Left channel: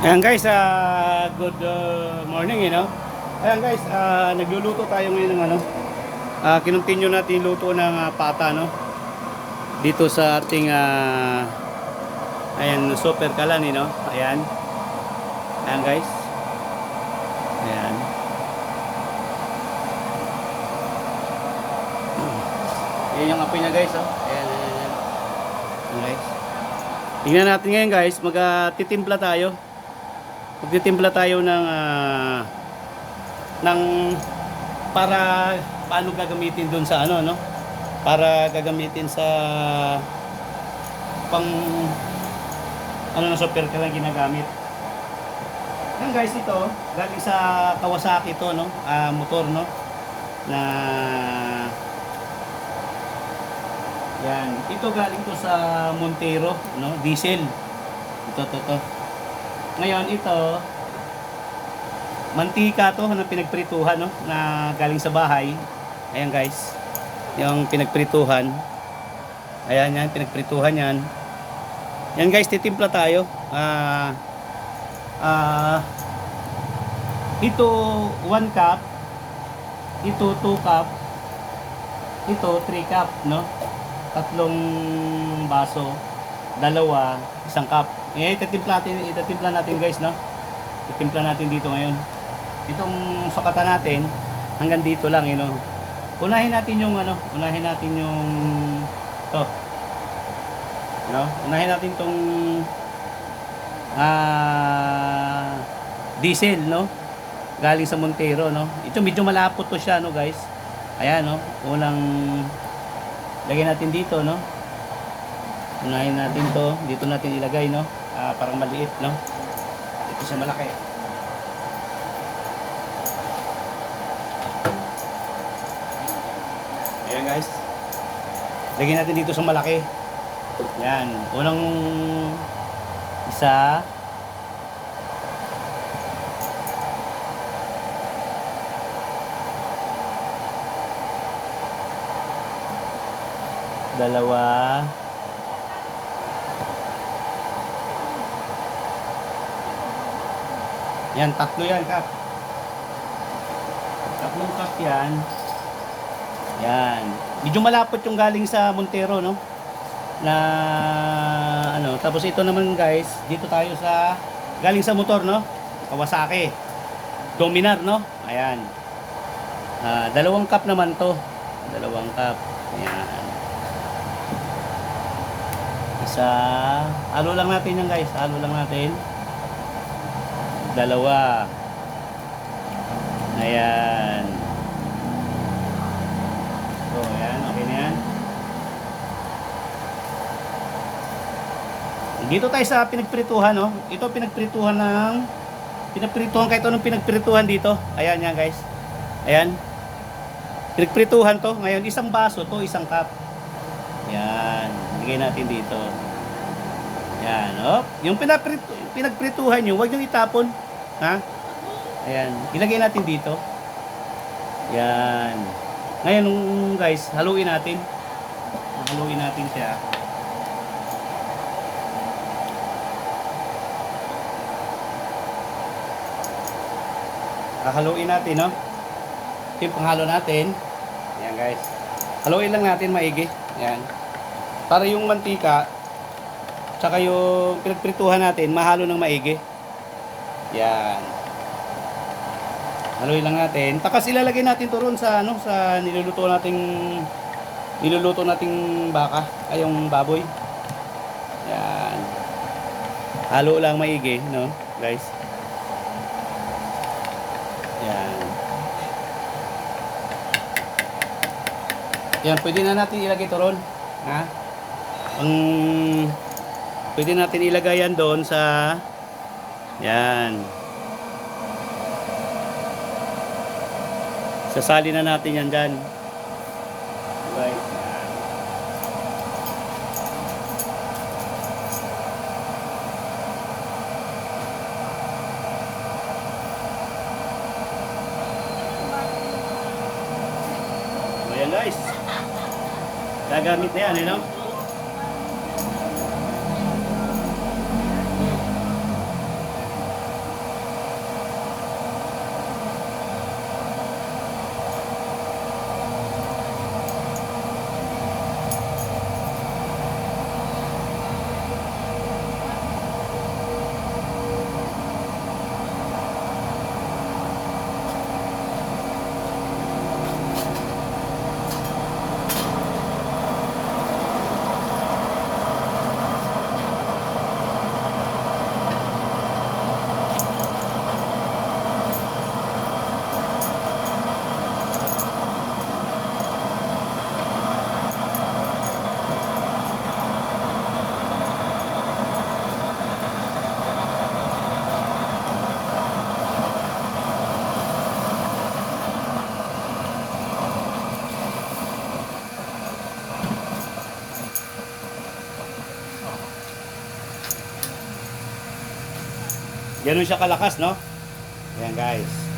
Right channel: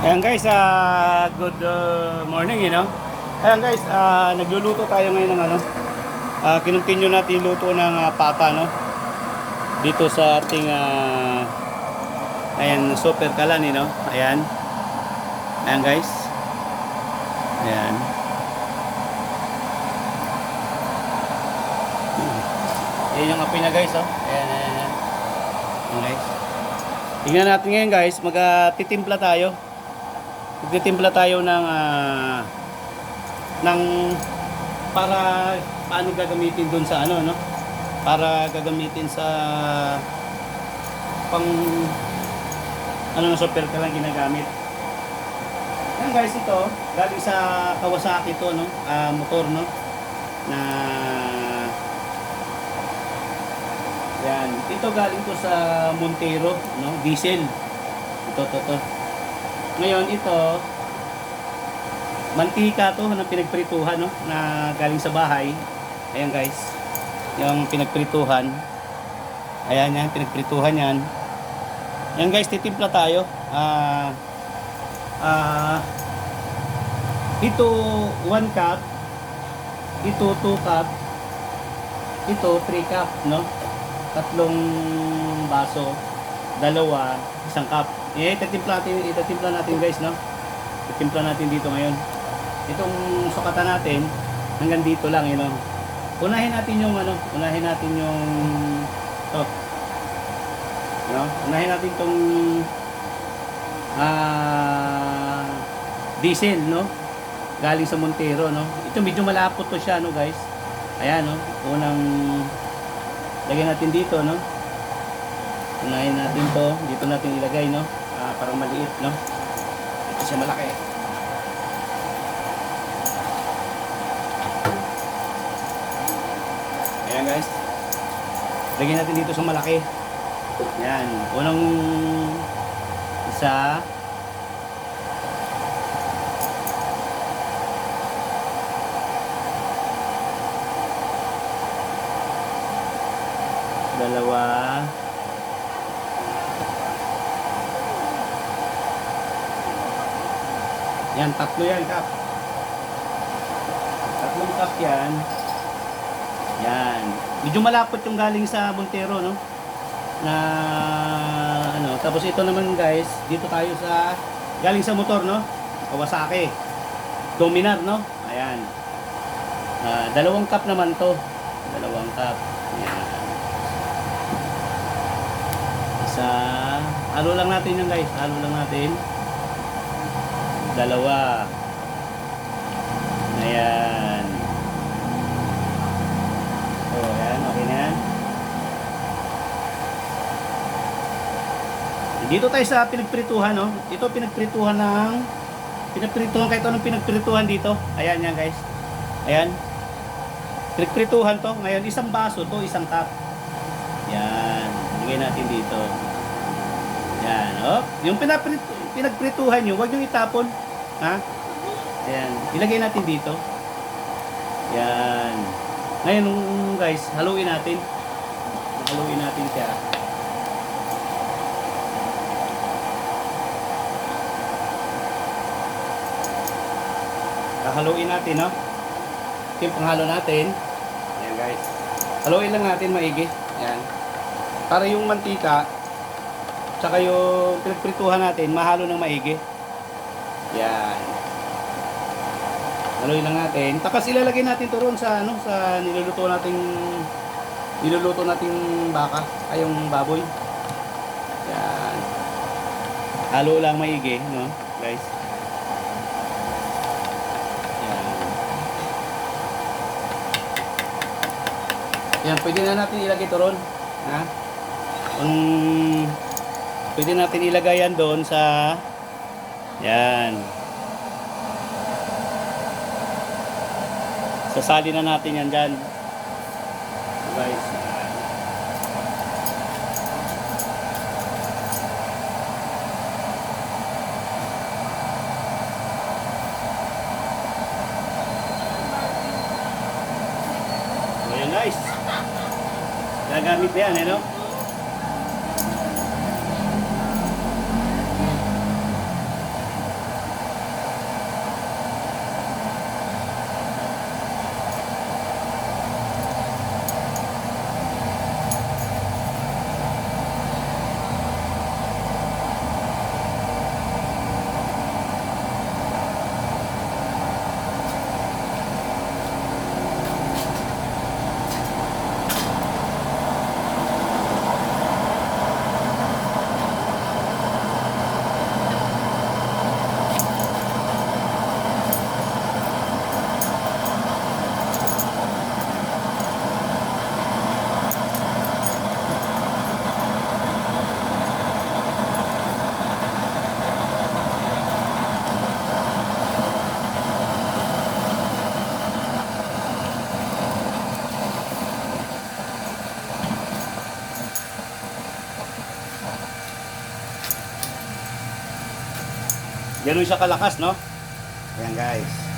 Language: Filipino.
Ayan guys, good morning, Ayan guys, nagluluto tayo ngayon ng kinontinue natin yung luto ng pata, no? Dito sa ating ayan, super kalan, Ayan. Ayan guys. Ayan. Ayan yung apoy na guys, oh. Ayan, ayan. Ayan guys. Tingnan natin ngayon guys, magtitimpla tayo. Magtitimpla tayo ng para paano gagamitin doon sa para gagamitin sa pang ng super ka lang ginagamit. Yan guys, ito galing sa Kawasaki to, motor, na yan, ito galing to sa Montero, diesel. Ito. Ngayon ito mantika to na pinagprituhan, na galing sa bahay. Ayan guys, yung pinagprituhan. Ayan yan, pinagprituhan yan. Yan guys, titimpla tayo. Ito 1 cup, ito 2 cup, ito 3 cup, tatlong baso, dalawa, 1 cup. Itatimpla natin guys, Itimpla natin dito ngayon. Itong sukatan natin hanggang dito lang, Unahin natin yung top. Unahin natin tong diesel, galing sa Montero, Ito medyo malapot to siya, guys. Ayan, unang lagyan natin dito, Unahin natin to, dito natin ilagay, parang maliit, ito sa malaki. Ayan guys, lagyan natin dito sa malaki. Yan, unang isa, dalawa, yan, tatlo yan, kap. Tatlong cup yan. Yan. Medyo malapot yung galing sa Montero, Na tapos ito naman guys, dito tayo sa galing sa motor, Kawasaki. Dominar, Ayan. 2 cup naman to. 2 cup. Ayan. Isa, halo lang natin yan guys. Halo lang natin. 2. Ayan. So, ayan. Okay na yan. Dito tayo sa pinagprituhan, Ito pinagprituhan kahit anong pinagprituhan dito. Ayan yan guys. Ayan. Pinagprituhan to. Ngayon, 1 baso to, 1 cup. Yan. Lagay natin dito. Yan. Yung pinagprituhan nyo, huwag nyo itapon. Ha? Ayan. Ilagay natin dito. Yan. Ngayon guys, haluin natin. Haluin natin siya. Haluin natin, Ito yung panghalo natin. Ayan guys. Haluin lang natin maigi. Ayan. Para yung mantika tsaka yung pinagprituhan natin mahalo ng maigi. Ayan. Haluin lang natin. Tapos ilalagay natin ito roon sa sa niluluto nating baka, ay yung baboy. Ayan. Halo lang maigi, guys. Yan, pwede na natin ilagay ito ron. Ha? Pwede natin ilagay yan doon sa yan. Sasali na natin yan dyan. Guys. So yan guys. Gagamit yan, Ganun siya kalakas, no? Ayan guys.